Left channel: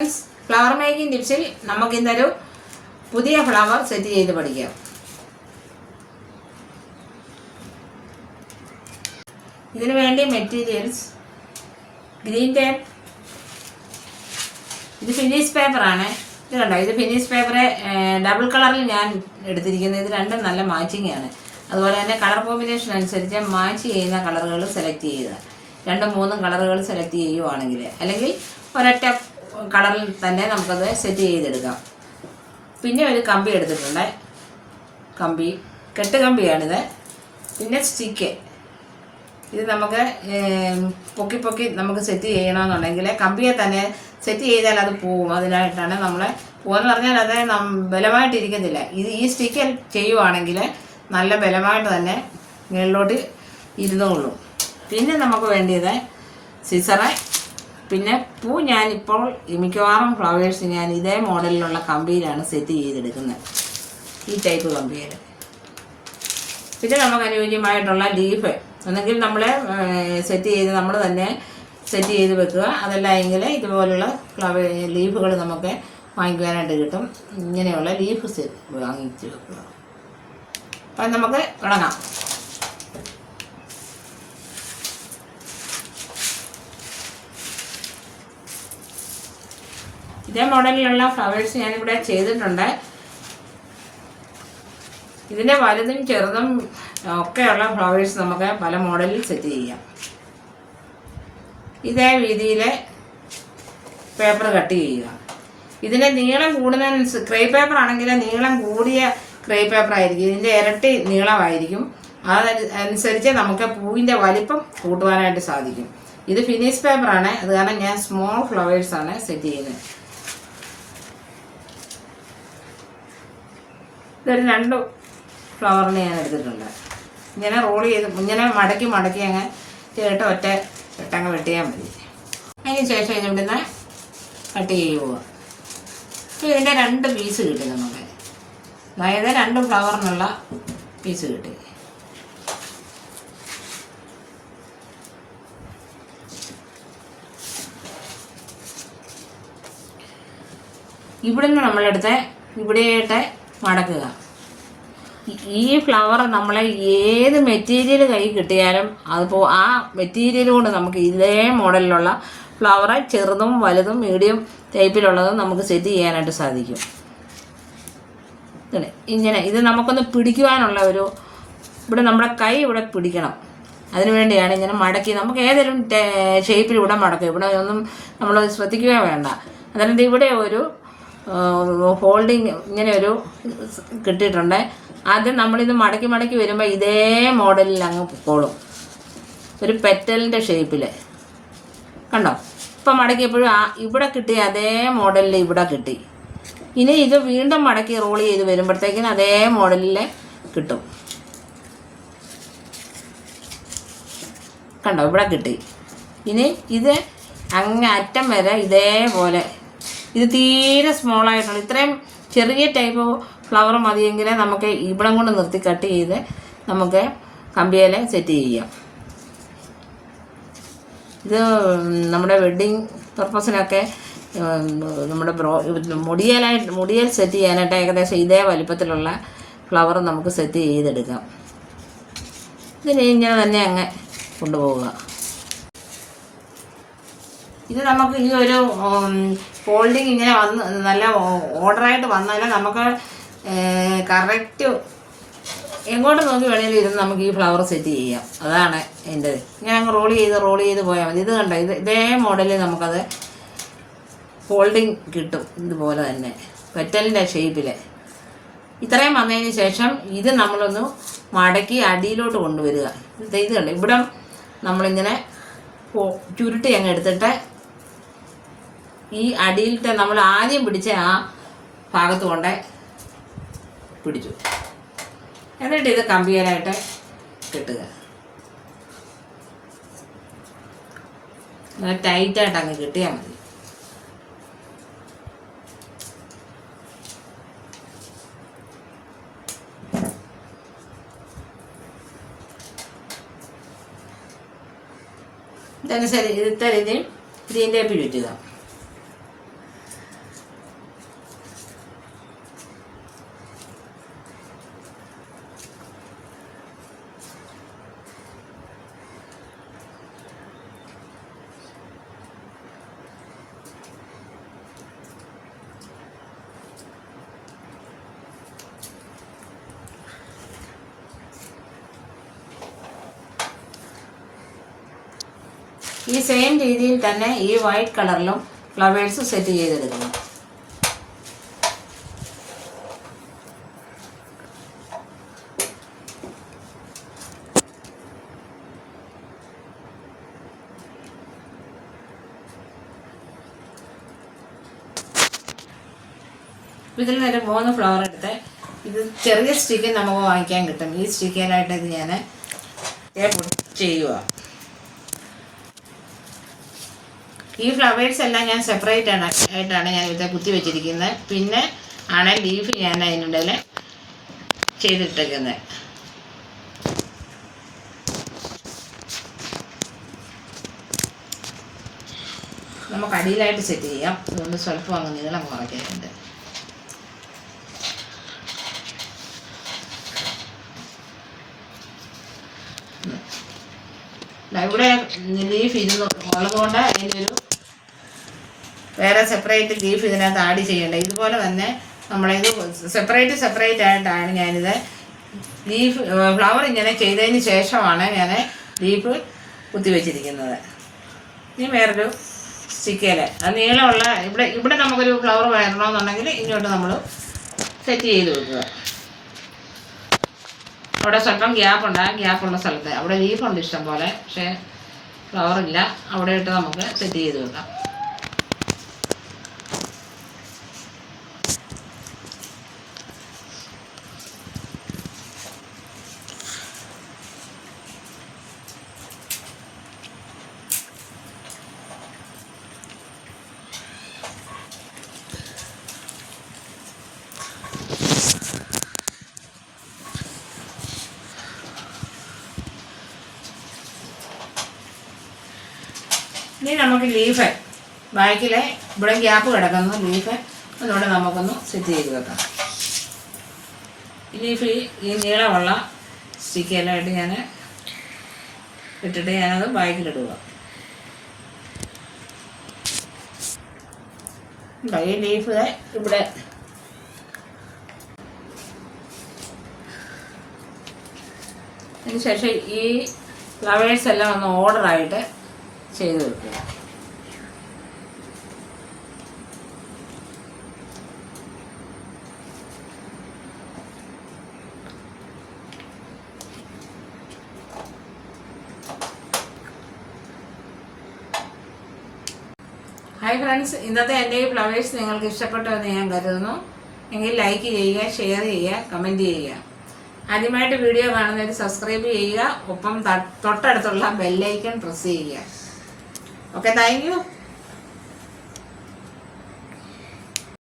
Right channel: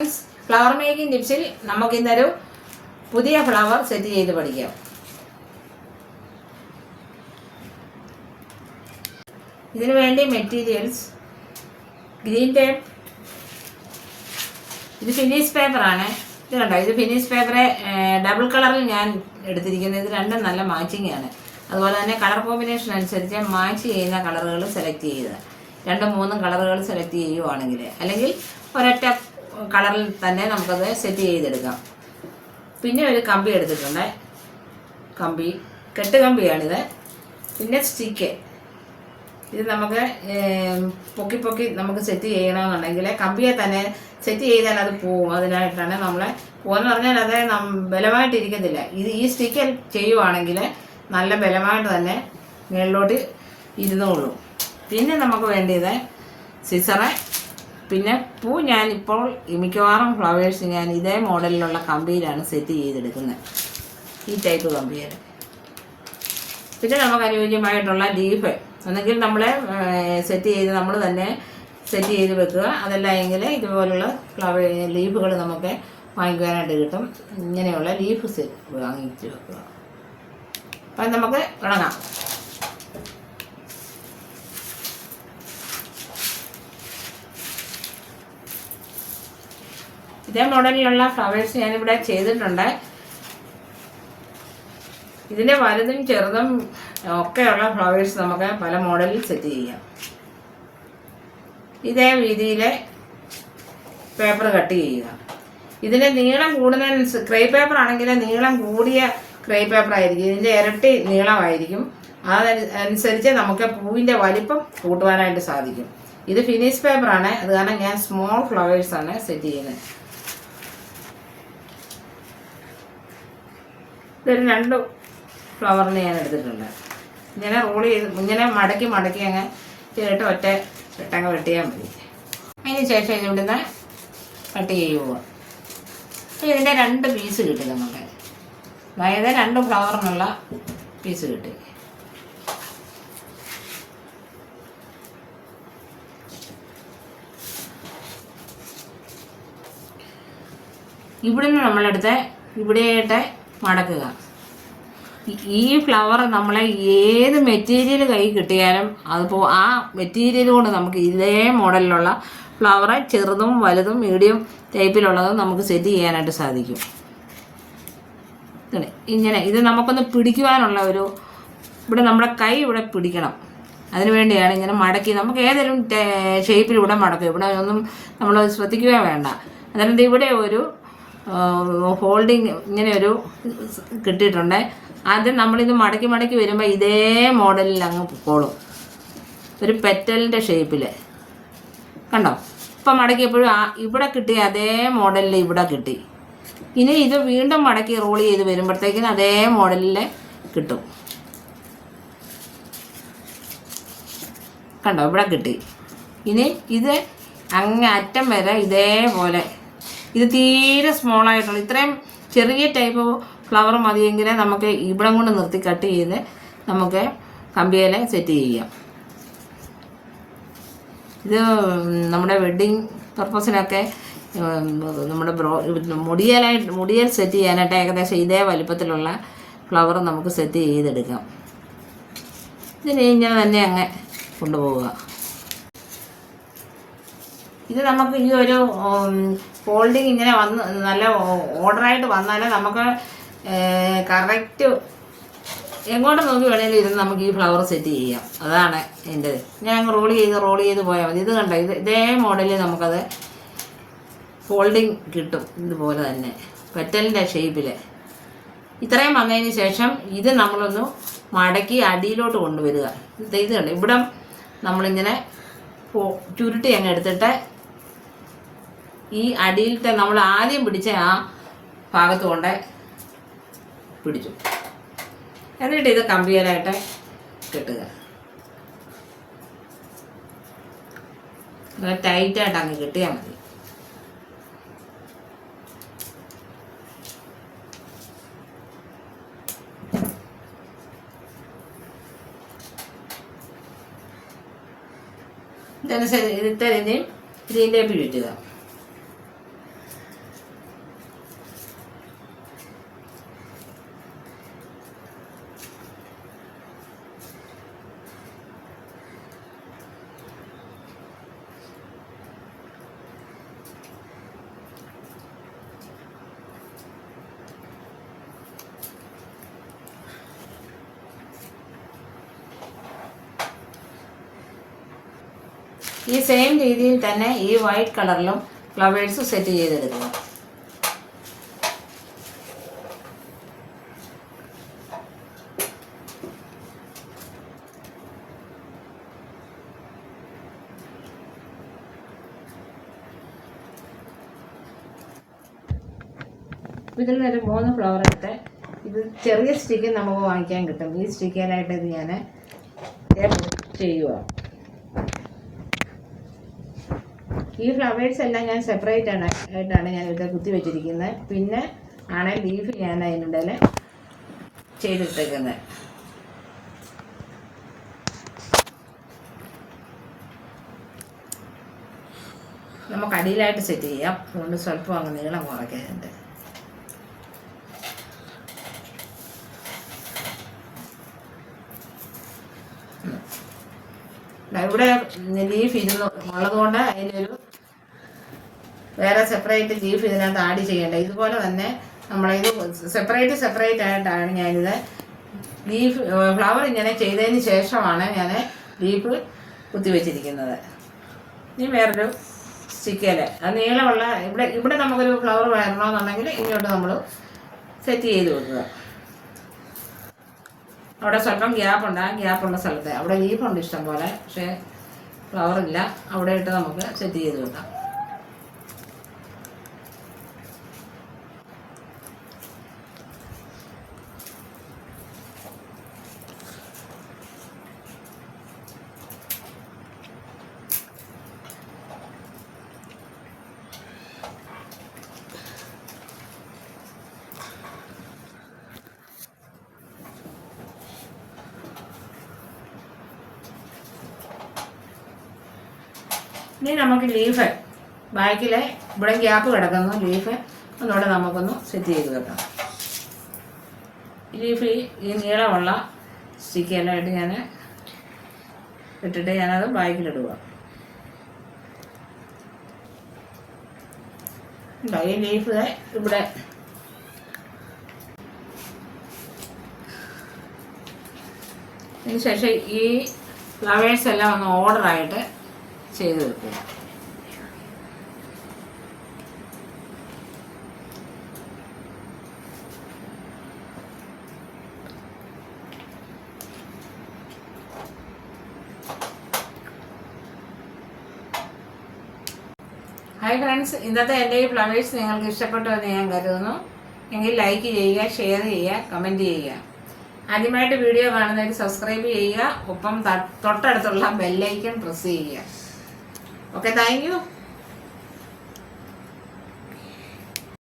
Flower making ടിപ്സിൽ നമുക്ക് ഇന്നൊരു പുതിയ ഫ്ലവർ സെറ്റ് ചെയ്ത് പഠിക്കാം. ഇതിനു വേണ്ടി മെറ്റീരിയൽസ് ഗ്രീൻ ടേപ്പ്, ഇത് ഫിനിഷ് പേപ്പറാണ്. ഇത് കണ്ടോ, ഇത് ഫിനിഷ് പേപ്പർ ഡബിൾ കളറിൽ ഞാൻ എടുത്തിരിക്കുന്നത്. ഇത് രണ്ടും നല്ല മാച്ചിങ് ആണ്. അതുപോലെ തന്നെ കളർ കോമ്പിനേഷൻ അനുസരിച്ച് മാച്ച് ചെയ്യുന്ന കളറുകൾ സെലക്ട് ചെയ്യുക. 2-3 കളറുകൾ സെലക്ട് ചെയ്യുവാണെങ്കിൽ, അല്ലെങ്കിൽ ഒരൊറ്റ കളറിൽ തന്നെ നമുക്കത് സെറ്റ് ചെയ്തെടുക്കാം. പിന്നെ ഒരു കമ്പി എടുത്തിട്ടുണ്ട്, കമ്പി കെട്ട് കമ്പിയാണിത്. പിന്നെ സ്റ്റിക്ക്, ഇത് നമുക്ക് പൊക്കി നമുക്ക് സെറ്റ് ചെയ്യണമെന്നുണ്ടെങ്കിൽ കമ്പിയെ തന്നെ സെറ്റ് ചെയ്താൽ അത് പോവും. അതിനായിട്ടാണ് നമ്മൾ പോവെന്ന് പറഞ്ഞാൽ അത് ബലമായിട്ടിരിക്കത്തില്ല. ഈ സ്റ്റിക്ക് ചെയ്യുവാണെങ്കിൽ നല്ല ബലമായിട്ട് തന്നെ മുകളിലോട്ട് ഇരുന്നോളൂ. പിന്നെ നമുക്ക് വേണ്ടിയത് സിസറ്, പിന്നെ പൂ. ഞാനിപ്പോൾ മിക്കവാറും ഫ്ലവേഴ്സ് ഞാൻ ഇതേ മോഡലിലുള്ള കമ്പിയിലാണ് സെറ്റ് ചെയ്തെടുക്കുന്നത്, ഈ ടൈപ്പ് കമ്പിയിൽ. പിന്നെ നമുക്ക് അനുയോജ്യമായിട്ടുള്ള ലീഫ് ഒന്നെങ്കിൽ നമ്മൾ സെറ്റ് ചെയ്ത് നമ്മൾ തന്നെ സെറ്റ് ചെയ്ത് വെക്കുക. അതല്ല എങ്കിൽ ഇതുപോലുള്ള ലീഫുകൾ നമുക്ക് വാങ്ങിക്കാനായിട്ട് കിട്ടും. ഇങ്ങനെയുള്ള ലീഫ് വാങ്ങിച്ച് വെക്കുക. അപ്പം നമുക്ക് തുടങ്ങാം. ഇതേ മോഡലിലുള്ള ഫ്ലവേഴ്സ് ഞാനിവിടെ ചെയ്തിട്ടുണ്ട്. ഇതിനെ വലുതും ചെറുതും ഒക്കെയുള്ള ഫ്ലവേഴ്സ് നമുക്ക് പല മോഡലിൽ സെറ്റ് ചെയ്യാം. ഇതേ രീതിയിൽ പേപ്പർ കട്ട് ചെയ്യുക. ഇതിന് നീളം കൂടുന്നതിനനുസരിച്ച് ക്രേ പേപ്പർ ആണെങ്കിൽ നീളം കൂടിയ ക്രേ പേപ്പർ ആയിരിക്കും, ഇതിൻ്റെ ഇരട്ടി നീളമായിരിക്കും. അതനുസരിച്ച് നമുക്ക് പൂവിൻ്റെ വലിപ്പം കൂട്ടുവാനായിട്ട് സാധിക്കും. ഇത് ഫിനിഷ് പേപ്പറാണ്, അത് കാരണം ഞാൻ സ്മോൾ ഫ്ലവേഴ്സാണ് സെറ്റ് ചെയ്യുന്നത്. ഇതൊരു 2 ഫ്ലവറിന് ഞാൻ എടുത്തിട്ടുണ്ട്. ഇങ്ങനെ റോൾ ചെയ്ത് ഇങ്ങനെ മടക്കി അങ്ങ് ചേട്ട് ഒറ്റ വെട്ടങ്ങ് വെട്ടിയാൽ മതി. അതിന് ശേഷം ഇതിവിടുന്ന് കട്ട് ചെയ്യുക. അപ്പോൾ ഇതിൻ്റെ 2 പീസ് കിട്ടി നമുക്ക്. അതായത് 2 ഫ്ലവറിനുള്ള പീസ് കിട്ടി. ഇവിടുന്ന് നമ്മളെടുത്ത് ഇവിടെയായിട്ട് മടക്കുക. ഈ ഫ്ലവർ നമ്മൾ ഏത് മെറ്റീരിയൽ കൈ കിട്ടിയാലും അതിപ്പോൾ ആ മെറ്റീരിയൽ കൊണ്ട് നമുക്ക് ഇതേ മോഡലിലുള്ള ഫ്ലവർ ചെറുതും വലുതും മീഡിയം ടൈപ്പിലുള്ളതും നമുക്ക് സെറ്റ് ചെയ്യാനായിട്ട് സാധിക്കും. ഇങ്ങനെ ഇത് നമുക്കൊന്ന് പിടിക്കുവാനുള്ള ഇവിടെ നമ്മുടെ കൈ ഇവിടെ പിടിക്കണം. അതിനു വേണ്ടിയാണ് ഇങ്ങനെ മടക്കി നമുക്ക് ഏതെങ്കിലും ഷേപ്പിൽ ഇവിടെ മടക്കുക. ഇവിടെ ഒന്നും നമ്മൾ ശ്രദ്ധിക്കുക വേണ്ട. അതായത് ഇവിടെ ഒരു ഹോൾഡിങ് ഇങ്ങനെ ഒരു കിട്ടിയിട്ടുണ്ട്. ആദ്യം നമ്മളിത് മടക്കി വരുമ്പോൾ ഇതേ മോഡലിൽ അങ്ങ് പോളും, ഒരു പെറ്റലിൻ്റെ ഷേപ്പിൽ. കണ്ടോ, ഇപ്പം മടക്കിയപ്പോഴും ഇവിടെ കിട്ടിയ അതേ മോഡലിൽ ഇവിടെ കിട്ടി. ഇനി ഇത് വീണ്ടും മടക്കി റോൾ ചെയ്ത് വരുമ്പോഴത്തേക്കിനും അതേ മോഡലിൽ കിട്ടും. കണ്ടോ, ഇവിടെ കിട്ടി. ഇനി ഇത് അങ്ങ് അറ്റം വരെ ഇതേപോലെ, ഇത് തീരെ സ്മോളായിട്ടുള്ള ഇത്രയും ചെറിയ ടൈപ്പ് ഫ്ലവർ മതിയെങ്കിൽ നമുക്ക് ഇവിടം കൊണ്ട് നിർത്തി കട്ട് ചെയ്ത് നമുക്ക് കമ്പിയിൽ സെറ്റ് ചെയ്യാം. ഇത് നമ്മുടെ വെഡ്ഡിങ് പർപ്പസിനൊക്കെ നമ്മുടെ മുടിയൽ സെറ്റ് ചെയ്യാനായിട്ട് ഏകദേശം ഇതേ വലിപ്പത്തിലുള്ള ഫ്ലവർ നമുക്ക് സെറ്റ് ചെയ്തെടുക്കാം. ഇതിന് ഇങ്ങനെ തന്നെ അങ്ങ് കൊണ്ടുപോവുക. ഇത് നമുക്ക് ഈ ഒരു ഫോൾഡിങ് ഇങ്ങനെ വന്ന് നല്ല ഓർഡറായിട്ട് വന്നാൽ നമുക്ക് കറക്റ്റ് എങ്ങോട്ട് നോക്കി വേണമെങ്കിലും ഇരുന്ന് നമുക്ക് ഈ ഫ്ലവർ സെറ്റ് ചെയ്യാം. അതാണ് എൻ്റെ. ഇങ്ങനെ അങ്ങ് റോൾ ചെയ്ത് പോയാൽ മതി. ഇത് കണ്ട, ഇതേ മോഡലിൽ നമുക്കത് ഫോൾഡിങ് കിട്ടും. ഇതുപോലെ തന്നെ പെറ്റലിൻ്റെ ഷേപ്പിൽ. ഇത്രയും വന്നതിന് ശേഷം ഇത് നമ്മളൊന്ന് മടക്കി അടിയിലോട്ട് കൊണ്ടുവരിക. ഇത് കണ്ട് ഇവിടെ നമ്മളിങ്ങനെ ചുരുട്ടി അങ്ങ് എടുത്തിട്ട് ഈ അടിയിലത്തെ നമ്മൾ ആദ്യം പിടിച്ച ആ ഭാഗത്ത് കൊണ്ട് പിടിച്ചു. എന്നിട്ട് ഇത് കമ്പിയലായിട്ട് കെട്ടുക. ടൈറ്റായിട്ട് അങ്ങ് കെട്ടിയാൽ മതി. ഇതനുസരിച്ച് ഇത്തരം ഗ്രീൻ ടേപ്പ് ചുറ്റുക. ഈ സെയിം രീതിയിൽ തന്നെ ഈ വൈറ്റ് കളറിലും ഫ്ലവേഴ്സ് സെറ്റ് ചെയ്തെടുക്കണം. ഇതിൽ നിന്ന് 3 ഫ്ലവർ എടുത്ത് ഇത് ചെറിയ സ്റ്റിക്ക് നമുക്ക് വാങ്ങിക്കാൻ കിട്ടും. ഈ സ്റ്റിക്കിലായിട്ട് ഇത് ഞാൻ ചെയ്യുക. ഈ ഫ്ലവേഴ്സ് എല്ലാം ഞാൻ സെപ്പറേറ്റ് ആയിട്ടാണ് ഞാൻ ഇത് കുത്തി വെച്ചിരിക്കുന്നത്. പിന്നെ ആണ് ലീഫ് ഞാൻ അതിനിടയിൽ ചെയ്തിട്ടിരിക്കുന്നത്. നമുക്ക് അടിയിലായിട്ട് സെറ്റ് ചെയ്യാം. അതുകൊണ്ട് സ്വല്പം അങ്ങ് നീളം കുറയ്ക്കാറുണ്ട്. ഇവിടെ ലീഫ് ഉള്ളതുകൊണ്ട് അതിനൊരു വേറെ സെപ്പറേറ്റ് ലീഫ് ഇതിനകത്ത് ആഡ് ചെയ്യേണ്ട. ഇതുപോലെ തന്നെ നമ്മളിത് സെപ്പറേറ്റ് ആയിട്ടാണ് ഞാനിത് ലീഫ് ഫ്ലവർ ഇങ്ങനെ ചെയ്തതിന് ശേഷമാണ് ഞാൻ ലീഫ് കുത്തിവെച്ചിരിക്കുന്നത്. ഇനി വേറൊരു സ്റ്റിക്കേൽ അത് നീളമുള്ള ഇവിടെ നമുക്കൊരു ഫ്ലവർ വരണമെന്നുണ്ടെങ്കിൽ ഇങ്ങോട്ട് നമ്മൾ സെറ്റ് ചെയ്ത് വെക്കുക. അവിടെ സ്വല്പം ഗ്യാപ്പുണ്ട്. ആ ഗ്യാപ്പുള്ള സ്ഥലത്ത് അവിടെ ലീഫുണ്ട് ഇഷ്ടം പോലെ, പക്ഷേ ഫ്ലവറില്ല. അവിടെ ഇട്ട് നമുക്ക് സെറ്റ് ചെയ്ത് വെക്കാം. ഇനി നമുക്ക് ലീഫ് ബാക്കിലെ ഇവിടെ ഗ്യാപ്പ് കിടക്കുന്ന ലീഫ് ഒന്നുകൂടെ നമുക്കൊന്ന് സെറ്റ് ചെയ്ത് വെക്കാം. ഈ ലീഫ് ഈ നീളമുള്ള സ്റ്റിക്കെല്ലാമായിട്ട് ഞാൻ ഇട്ടിട്ട് ഞാനത് ബാക്കിലിടുക. ഈ ലീഫ് ഇവിടെ അതിനുശേഷം ഈ ഫ്ലവേഴ്സ് എല്ലാം ഒന്ന് ഓർഡറായിട്ട് ചെയ്ത് വെക്കുക. ഹായ് ഫ്രണ്ട്സ്, ഇന്നത്തെ എൻ്റെ ഈ ഫ്ലവേഴ്സ് നിങ്ങൾക്ക് ഇഷ്ടപ്പെട്ടു എന്ന് ഞാൻ കരുതുന്നു. എങ്കിൽ ലൈക്ക് ചെയ്യുക, ഷെയർ ചെയ്യുക, കമൻറ്റ് ചെയ്യുക. ആദ്യമായിട്ട് വീഡിയോ കാണുന്നവർ സബ്സ്ക്രൈബ് ചെയ്യുക. ഒപ്പം തൊട്ടടുത്തുള്ള ബെല്ലൈക്കൺ പ്രസ് ചെയ്യുക. Okay, thank you.